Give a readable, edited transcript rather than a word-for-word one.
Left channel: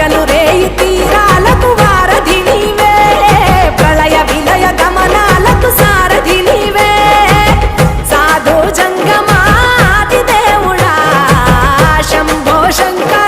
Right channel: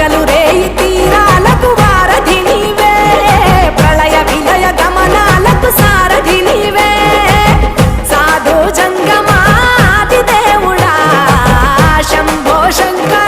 పగలు రేయి తీరాలకు వారధి నీవే, ప్రళయ విలయ గమనాలకు సారథి నీవే, సాధు జంగమాది దేవుడా శంభో శంకర